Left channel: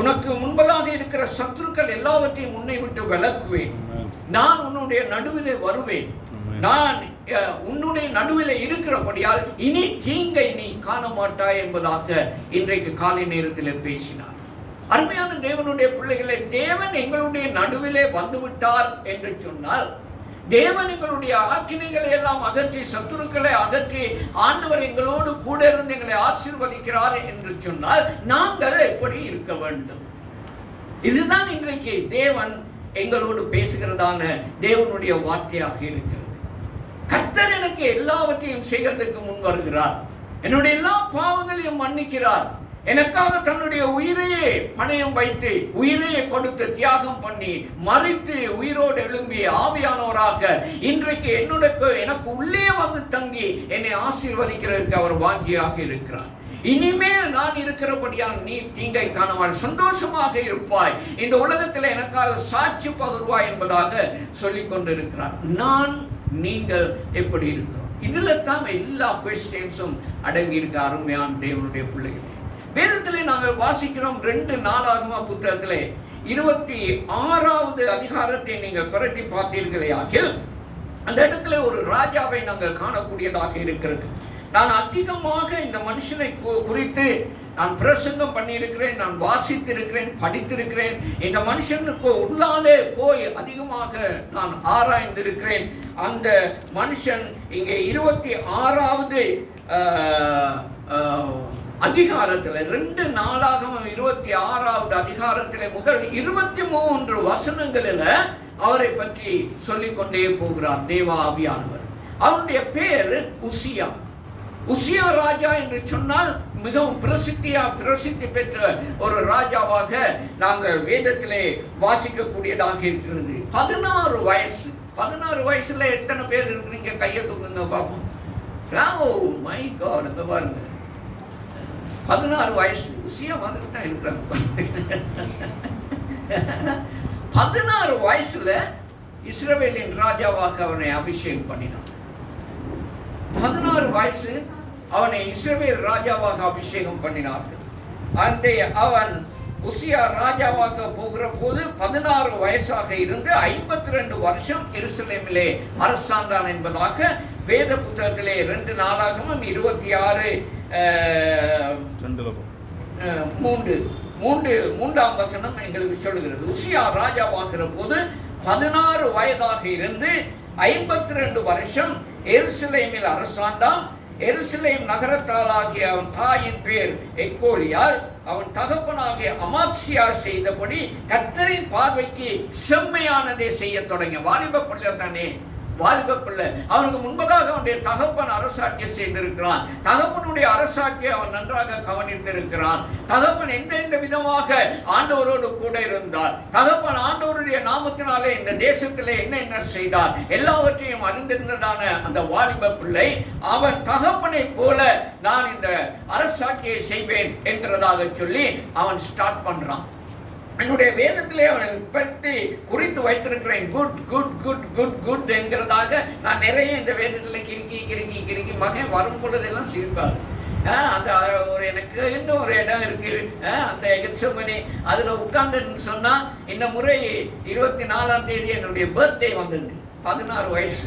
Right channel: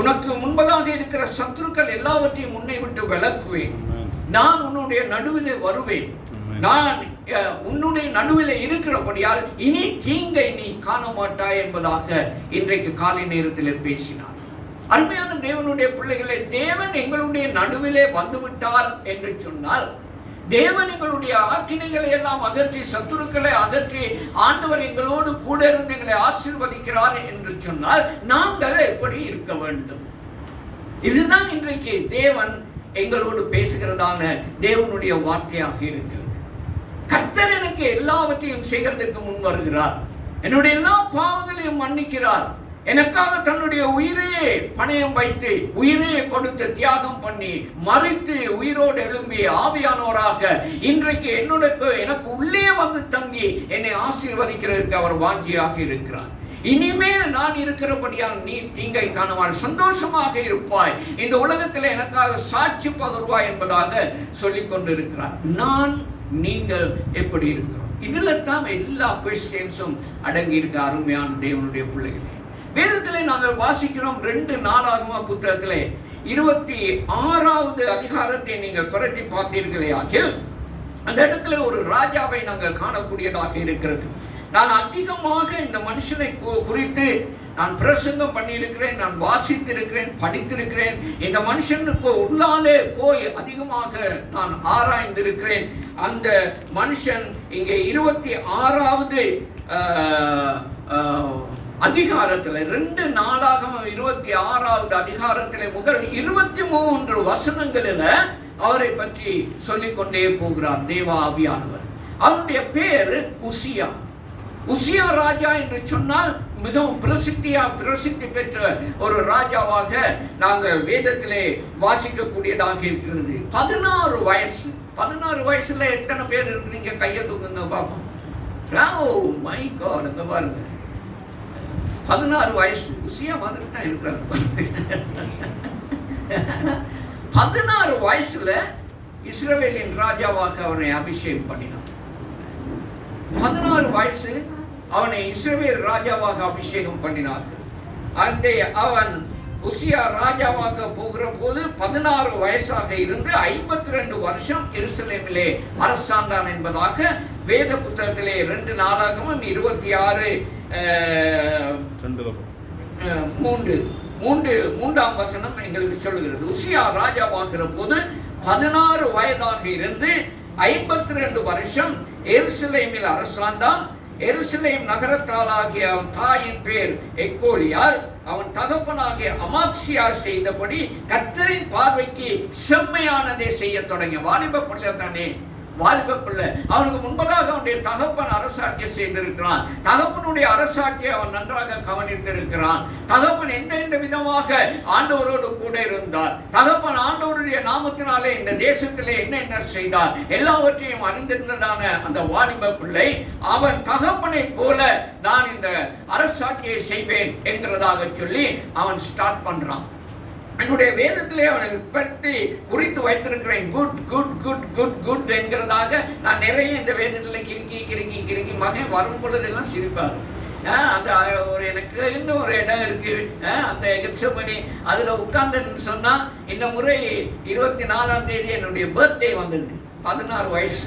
உனக்கு முன்பதாக இருக்கிற சத்துருக்கள் எல்லாவற்றையும் உன்னை விட்டு விலக்குவேன். நான் உன்னுடைய நடுவிலே வருவேன். நான் உன்னுடைய நடுவிலே இருக்கிறபடியால் இனி தீங்கை நீ காண மாட்டாய் என்பதாக இன்றைக்கு காலை நேரத்தில் பேசினார். அருமையான தேவனுடைய பிள்ளைகளை, தேவன் எங்களுடைய நடுவிலே வந்துவிட்டார் என்று சொன்னால், தேவன் எங்களுடைய ஆக்கினைகளை எல்லாம் அகற்றி, சத்துருக்களை அகற்றி, ஆண்டவர் எங்களோடு கூட இருந்து எங்களை ஆசீர்வதிக்கிறார் என்று சொன்னால் நாங்கள் எப்படி இருக்க வேண்டும்? இதுதான் இன்றைக்கு தேவன் எங்களோடு பேசுகிறதான தேவனுடைய வார்த்தையாக இருக்கிறது. கர்த்தர் எனக்கு எல்லாவற்றையும் செய்கிறதுக்கு முன் வருகிறார். என்னுடைய எல்லா பாவங்களையும் மன்னிக்கிறார். எனக்காக தன்னுடைய உயிரையே பணயம் வைத்து, உயிரையே கொடுத்து, தியாகம் பண்ணி, மறித்து, உயிரோடு எழும்பி ஆவியானவராக இன்றைக்கு எனக்கு உள்ளே வந்து தங்கி என்னை ஆசீர்வதிக்கிறதுக்கு அவர் வாஞ்சியாக இருக்கிறார். இனிமேல் நான் இருக்கிறபடியால் நீ தீங்கை காணவாய், சந்தோஷமாக இருப்பாய், இந்த உலகத்தில் எனக்காக சாட்சி பகர்வாய் என்பதாக சொல்லிக் கொண்டிருக்கிறார். நீங்கள் எப்படி இருக்கிறோம்? இதுல தான் எல்லா கொஸ்டின்ஸும் அடங்கி இருக்க. அருமையான தேவனுடைய பிள்ளைகள், வேதத்திலே நாங்கள் வாசிக்கிறோம் 2 நாளாகம புத்தகத்திலே 26வது அதிகாரத்தை நீங்கள் புரட்டி பார்த்தீர்களே ஆகில், அந்த இடத்துல ஒரு ராஜாவை நாங்கள் காணக்கூடியதாக இருக்கிறது. நான் அதிகமாக இந்த மனுஷனை குறித்து நான் பிரசங்கம் பண்ணியிருக்கிறேன், நான் வாசித்திருக்கிறேன், படித்திருக்கிறேன். இந்த மனுஷனுக்கு உள்ளாலே போய் அதிகமாக நான் ஆராய்ந்திருக்கிறேன். அந்த மனுஷன் இங்கே 26வது அதிகாரத்தில் 2 நாளாகமம் 26வது அதிகாரத்தில் முதல் 23 வசனங்களில் அவரை பற்றி சொல்லிக்கொண்டே போகிறார் தேவ ஆவியானவர். அவருடைய பேர் உசியா. உசியா ராஜா என்று சொன்னால் மிகவும் பிரசித்தி பெற்ற ஒரு ராஜாவாக நாங்கள் வேதத்திலே வாசிக்கக்கூடியதாக இருக்கிறது. 16 வயசு. 16 வயசுல எத்தனை பேர் இருக்கிறீங்க? கையை தூக்குங்க பாப்போம். ஓ மை காட், அங்க பாருங்க, 16 வயசு. உசியா வந்துட்டு தான் இருக்கிறாங்க. 16 வயசுல இஸ்ரவேலின் ராஜாவாக அவனை அபிஷேகம் பண்ணினான். 16 வயசு அவனை இஸ்ரவேல் ராஜாவாக அபிஷேகம் பண்ணினார்கள். அந்த அவன் உசியா ராஜாவாக போகிற போது 16 வயசாக இருந்து 52 வருஷம் எருசலேமிலே அரசாண்டான் என்பதாக வேத புத்தகத்திலே 2 நாளாகமம் 26:3 வசனம் எங்களுக்கு சொல்லுகிறது. உசியா ராஜாவாகிற போது 16 வயதாக இருந்து 52 வருஷம் எருசலேமில் அரசாண்டான். எருசலேம் நகரத்தாளாகிய அவன் தாயின் பேர் எக்கோலியால். அவன் தகப்பனாகிய அமாத்சியா செய்தபடி கர்த்தரின் பார்வைக்கு செம்மையானதை செய்ய தொடங்கிய வாலிப பிள்ளை தானே, வாலிப பிள்ளை. அவனுக்கு முன்பதாக அவனுடைய தகப்பன் அரசாட்சி செய்திருக்கிறான். தகப்பனுடைய அரசாட்சியை அவன் நன்றாக கவனித்திருக்கிறான். தகப்பன் எந்தெந்த விதமாக ஆண்டவரோடு கூட இருந்தார், தகப்பன் ஆண்டவருடைய நாமத்தினாலே இந்த தேசத்திலே என்ன செய்தார், எல்லாவற்றையும் அறிந்திருந்ததான அந்த வாலிப பிள்ளை அவன் தகப்பனை போல நான் இந்த அரசாட்சியை செய்வேன் என்கிறதாக சொல்லி அவன் ஸ்டார்ட் பண்றான். என்னுடைய வேதத்திலே அவனை பற்றி குறித்து வைத்திருக்கிறேன். Good good good good good என்கிறதாக நான் நிறைய இந்த வேதத்தில் கிறுக்கி மகன் வரும் பொழுதெல்லாம் சிரிப்பார். அந்த ஒரு எனக்கு இன்னும் ஒரு இடம் இருக்கு, அந்த எக்ஸமணி அதில் உட்கார்ந்துன்னு சொன்னா, இந்த முறை 24ஆம் தேதி என்னுடைய பர்த்டே வந்தது. 16 வயசு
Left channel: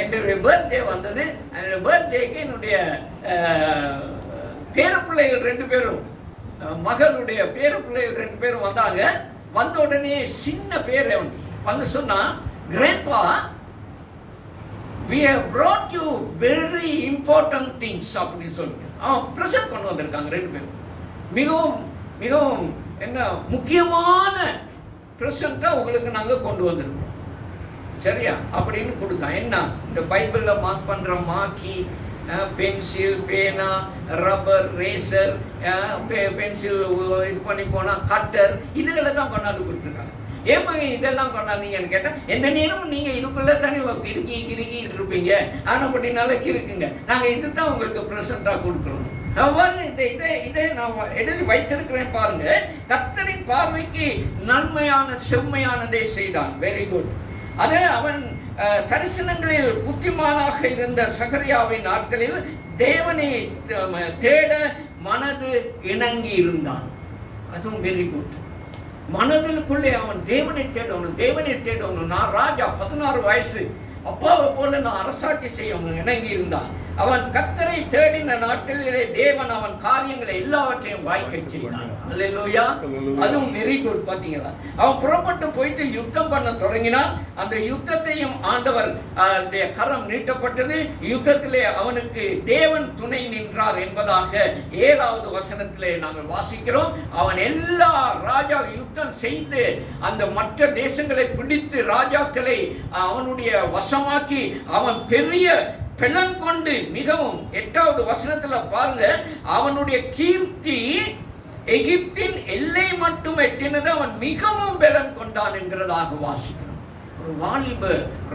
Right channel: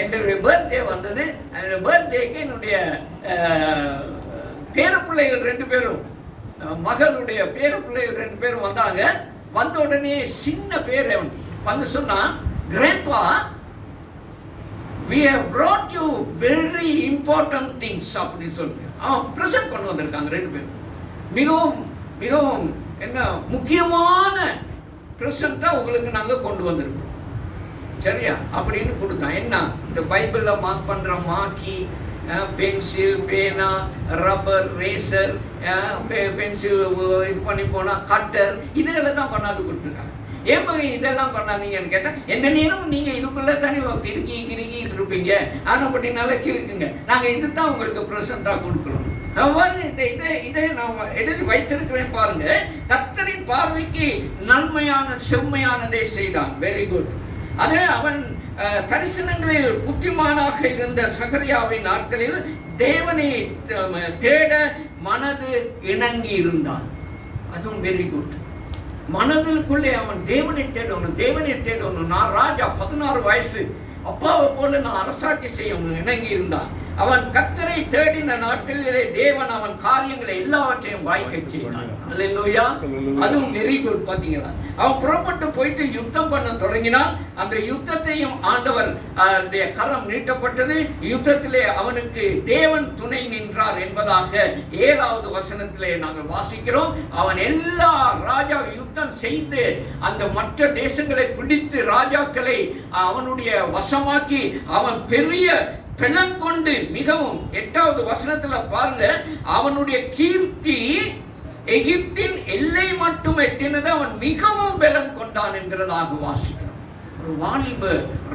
என்னுடைய பர்த்டே வந்தது. அந்த பர்த்டேக்கு என்னுடைய பேரப்பிள்ளைகள் 2 பேரும், மகளுடைய பேர பிள்ளைகள் 2 பேரும் வந்தாங்க. வந்த உடனே சின்ன பேர் வந்து சொன்னா, grandpa, we have brought you very important things அப்படின்னு சொல்லிட்டு அவன் பிரசன்ட் கொண்டு வந்திருக்காங்க. 2 பேரும் மிகவும் மிகவும் என்ன முக்கியமான பிரசன்ட்டை உங்களுக்கு நாங்கள் கொண்டு வந்திருக்கோம், சரியா அப்படின்னு கொடுத்தான். என்ன, இந்த பைபிளில் மார்க் பண்ற மாக்கி, பென்சில், பேனா, ரப்பர், ரேசர், பென்சில் இது பண்ணி போனால் கட்டர், இதெல்லாம் தான் கொண்டாந்து கொடுத்துருக்காங்க. ஏன் இதெல்லாம் கொண்டாந்தீங்கன்னு கேட்டால், எந்த நேரமும் நீங்கள் இதுக்குள்ளே தானே கிறுக்கிட்டு இருப்பீங்க, ஆனால் அப்படின்னால கிறுக்குங்க, நாங்கள் இது தான் உங்களுக்கு ப்ரெசென்ட்டாக கொடுக்குறோம். இதை நான் எழுதி வைத்திருக்கிறேன் பாருங்க. கர்த்தரின் பார்வைக்கு நன்மையான செம்மையானதை செய்தான். Very good. அதே அவன் தரிசனங்களில் புத்திமானாக இருந்த சகரியாவின் நாட்களில் தேவனை தேட மனது இணங்கி இருந்தான். அதுவும் வெரி குட். மனதிற்குள்ளே அவன் தேவனை தேடணும், தேவனை தேடணும். நான் ராஜா, 16 வயசு, அப்பாவை போல நான் அரசாட்சி செய்யணும் இணங்கி இருந்தான். அவன் கர்த்தரை தேடின நாட்களிலே தேவன் அவன் காரியங்களை எல்லாவற்றையும் வாய்க்க செய்தான். அல்லேலூயா. அதுவும் வெரி குட். பாத்தீங்களா, அவன் புறப்பட்டு போயிட்டு யுத்தம் பண்ண தொடங்கினான். அந்த யுத்தத்தையும் ஆண்டவர் கரம் நீட்டப்பட்டது. யுத்தத்திலே அவனுக்கு தேவன் துணை நின்றார் என்பதாக 7வது வசனத்திலே நாங்கள் வாசிக்கிறோம். அவன் எல்லா ராஜா யுத்தம் செய்து அந்த மற்ற தேசங்களை பிடித்து ராஜாக்களை அவனுடைய வசமாக்கி அவன் பெரிய பெலன் கொண்டு மிகவும் 8வது வசனத்துல பாருங்க, அவனுடைய கீர்த்தி எகிப்தின் எல்லை மட்டும் எட்டினது, அவன் மிகவும் பெலன் கொண்டான் என்கிறதாக வாசிக்கிறோம். ஒரு வாலிப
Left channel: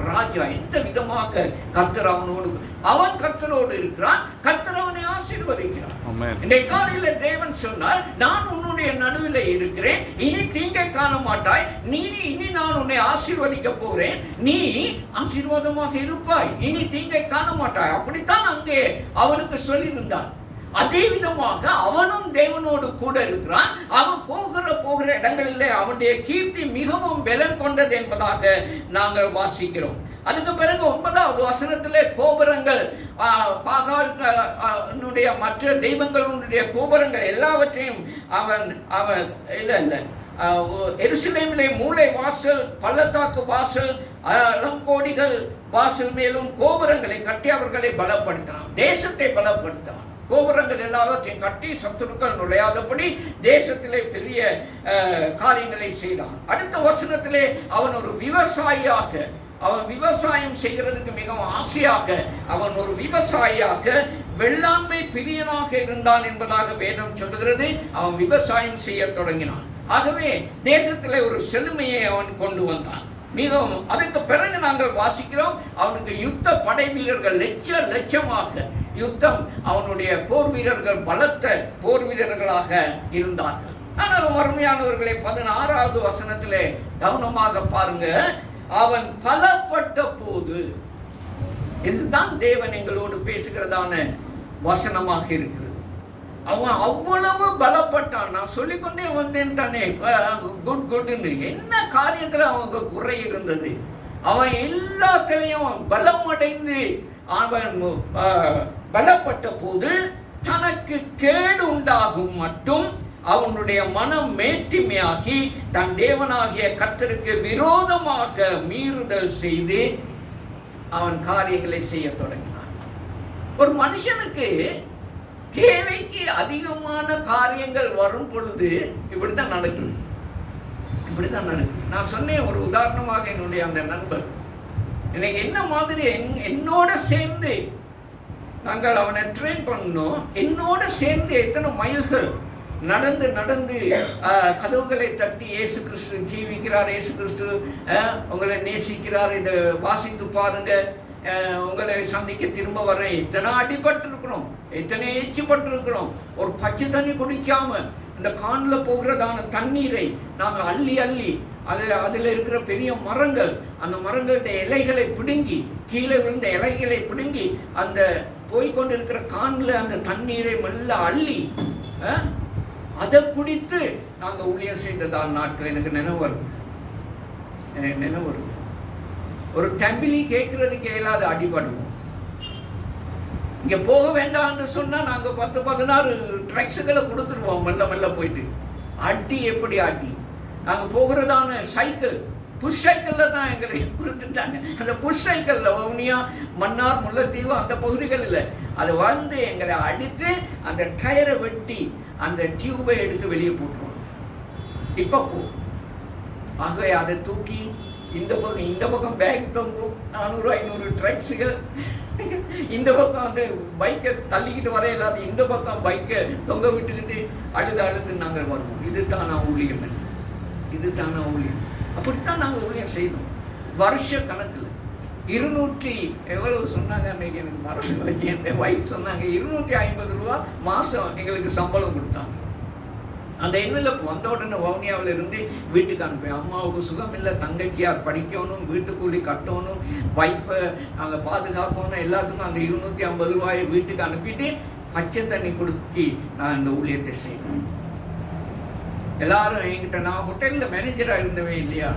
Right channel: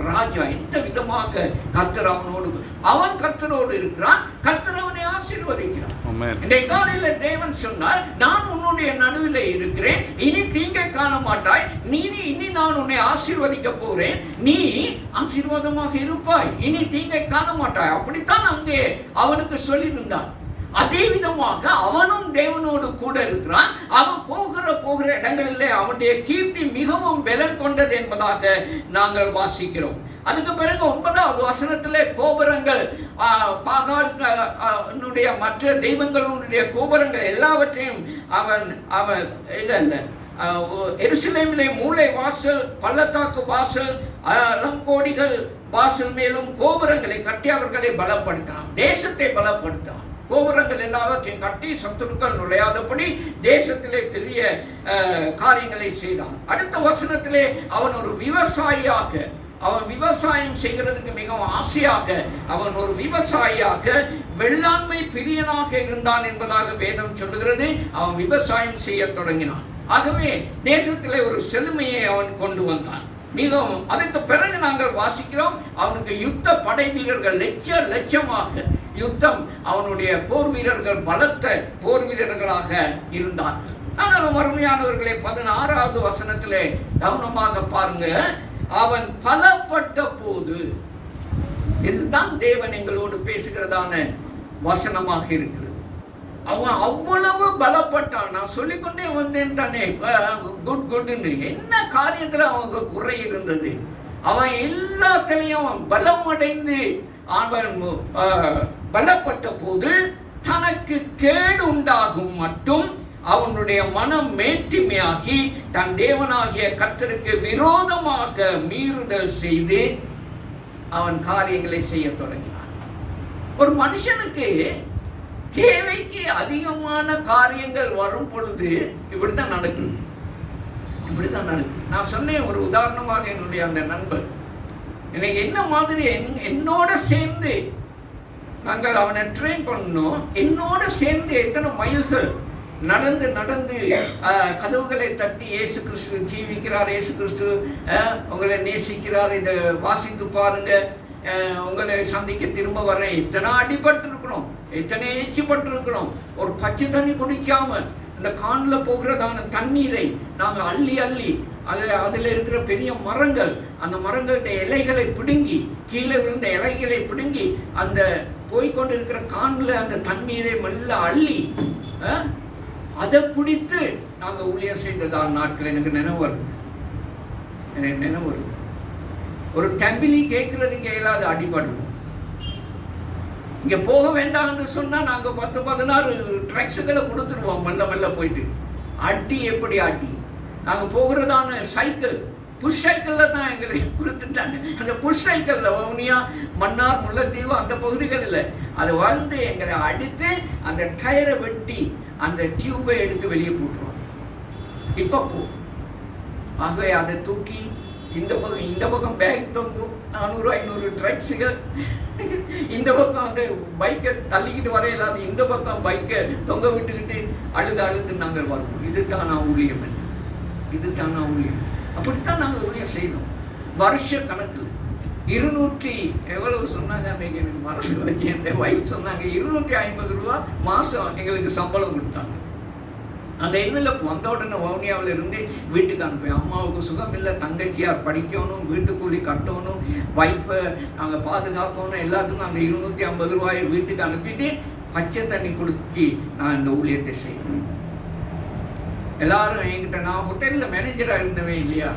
ராஜா எந்த விதமாக கர்த்தர் அவன் கர்த்தரோடு இருக்கிறான், கர்த்தர் அவனை ஆசீர்வதிக்கிறான். இன்றைய காலையில தேவன் சொன்னார், நான் உன்னுடைய நடுவில் இருக்கிறேன், இனி தீங்கை காண மாட்டாய், இனி நான் உன்னை ஆசீர்வதிக்க போறேன், நீ ஆசீர்வாதமாக இருப்பாய், இனி தீங்கை காண மாட்டாய். அப்படித்தான் அங்கே அவனுக்கு சொல்லியிருந்தான். அதே விதமாக அவனும் தேவனோடு கூட இருக்கிறான். அவன் போகிற இடங்களிலே அவனுடைய கீர்த்தி மிகவும் பலன் கொண்டது என்பதாக நாங்கள் வாசிக்கிறோம். அதுக்கு பிறகு 9வது வசனத்திலே கோபுரங்கள், பாகாலுடைய மற்ற தெய்வங்களுடைய கோபுரங்கள் எல்லாவற்றையும் அவன் எருசலேமிலே மூலை வாசல், பள்ளத்தாக்கு வாசல், கோடிகள் வாசல் மேலும் கோபுரங்களை கட்டி அவர்களை பலப்படுத்தினான், தேசத்தை பலப்படுத்தினான். கோபுரங்கள் எல்லாவற்றையும் கட்டி சத்துருக்கள் நுழையாதபடி தேசத்திலே பெரிய காரியங்களை செய்தான். அடுத்த வசனத்திலே அவன் ஒரு விவசாயியாக, அவன் விவசாயம் செய்கிறதுக்கு மிகவும் ஆசையாக, அவன் ஒரு விவசாயியாக வெள்ளாண்மை பிரியனாக இருந்தான் என்பதாக வேதம் சொல்லுகிறது. அவன் விவசாயம் செய்ய தொடங்கினான். ஆகவே தேசத்திலே ஒரு செழுமையை அவன் கொண்டு வந்தான். மிகவும் அதுக்கு பிறகு நாங்கள் வாசிக்கிறோம், அவனுக்கு யுத்த படை வீரர்கள் லட்சமாக யுத்தம், அவனுடைய போர் வீரர்கள் பலத்த போர் வீரர்களாக இருந்தார்கள். ஆனாலும் அருமையானவர்களே, 16வது வசனத்திலே கவனமாக பாருங்க, அவன் பலப்பட்ட போது, இதுதான் தேவன் எங்களோடு பேசுகிறதான வசனமாக இருக்கு. அவன் அவ்வளவு பலப்பட்டான். நான் சொல்லிக்கொண்டே வந்தேன் தானே, குட்னு என்ன காரியத்துல அவங்க குறை இருந்தது. அவன் எல்லாத்திலையும் அவன் பலம் அடைந்து அவன் பலப்பட்ட போது தனக்கு கேடு உண்டாகும் மட்டும் அவனுடைய மனம் மேட்டிமையாகி தன் தேவனாகிய கர்த்தருக்கு விரோதமாக மீறுதல் செய்து அவன் காரியங்களை செய்ய தொடங்கினான். ஒரு மனுஷனுக்கு தேவைக்கு அதிகமான காரியங்கள் வரும் பொழுது இப்படித்தான் நடக்கும். நான் சொன்னேன் ஒரு உதாரணமாக, என்னுடைய அந்த நண்பர் எனக்கு என்ன மாதிரி என்னோட சேர்ந்து நாங்கள் அவனை ட்ரெயின் பண்ணோம். என்னோட சேர்ந்து எத்தனை மைல்கள் நடந்து கதவுகளை தட்டி, இயேசு கிறிஸ்து ஜீவிக்கிறார், இயேசு கிறிஸ்து உங்களை நேசிக்கிறார், இதை வாசித்து பாருங்க, உங்களை சந்திக்க திரும்ப வர்றேன். இத்தனை அடிபட்டு இருக்கிறோம், எத்தனை எச்சிப்பட்டு இருக்கிறோம். ஒரு பச்சை தண்ணி குடிக்காம அந்த காணில் போகிறதான தண்ணீரை நாங்கள் அள்ளி அதில் இருக்கிற பெரிய மரங்கள், அந்த மரங்களுடைய இலைகளை பிடுங்கி, கீழே இருந்த இலைகளை பிடுங்கி அந்த போய்கொண்டு இருக்கிற காணில் அந்த தண்ணீரை மெல்ல அள்ளி அதை குடித்து நாங்கள் ஊழியர் செய்ததால் நாட்கள் எனக்கு நினைவு வருது. ஒரு தம்பிலி கேட்கறதுக்கு இயலாத அடிபடுவோம். இங்க போக வேண்டாம் என்று சொன்னா நாங்க 10-16 ட்ரக்ஸுகளை கொடுத்துருவோம். மெல்ல போயிட்டு அடி, எப்படி அடி. நாங்க போகிறதான சைக்கிள், புஷ் சைக்கிள்ல தான் எங்களை கொடுத்துட்டாங்க. அந்த புஷ் சைக்கிள்ல வவுனியா, மன்னார், முல்லைத்தீவு அந்த பகுதிகளில் அதை வந்து எங்களை அடித்து அந்த டயரை வெட்டி அந்த டியூபை எடுத்து வெளியே போட்டுருவோம். இப்ப போ. ஆகவே அதை தூக்கி இந்த பக்கம் பேக் தொங்கும் 400-500 ட்ரக்ஸுகள், இந்த பக்கம் வந்து பைக்கை தள்ளிக்கிட்டு வர இல்லாத இந்த பக்கம் பைக்கை தொங்க விட்டுக்கிட்டு அழுது நாங்கள் வருவோம். இதுதான் நான் ஊழியம், அப்படித்தான் நாங்கள் ஊழியம் செய்தோம். வருஷ கணக்கில் 200 எவ்வளவு சொன்னாங்க அன்றைக்கு எனக்கு மறந்து, என் வைஃப் சொன்னாங்க 250 ரூபா மாதம் எங்களுக்கு சம்பளம் கொடுத்தாங்க. அந்த எண்ணில் வந்த உடனே வவுனியாவில் இருந்து வீட்டுக்கு அனுப்பேன். அம்மாவுக்கு சுகம் இல்லை, தங்கச்சியார் படிக்கணும், வீட்டு கூலி கட்டணும், வைஃபை அங்கே பாதுகாக்கணும், எல்லாத்துக்கும் அந்த 250 ரூபாயை வீட்டுக்கு அனுப்பிட்டு பச்சை தண்ணி குடிச்சு நான் இந்த ஊழியத்தை செய்யணும். எல்லாரும் என்கிட்ட, நான் ஹோட்டலில் மேனேஜராக இருந்தவே இல்லையா,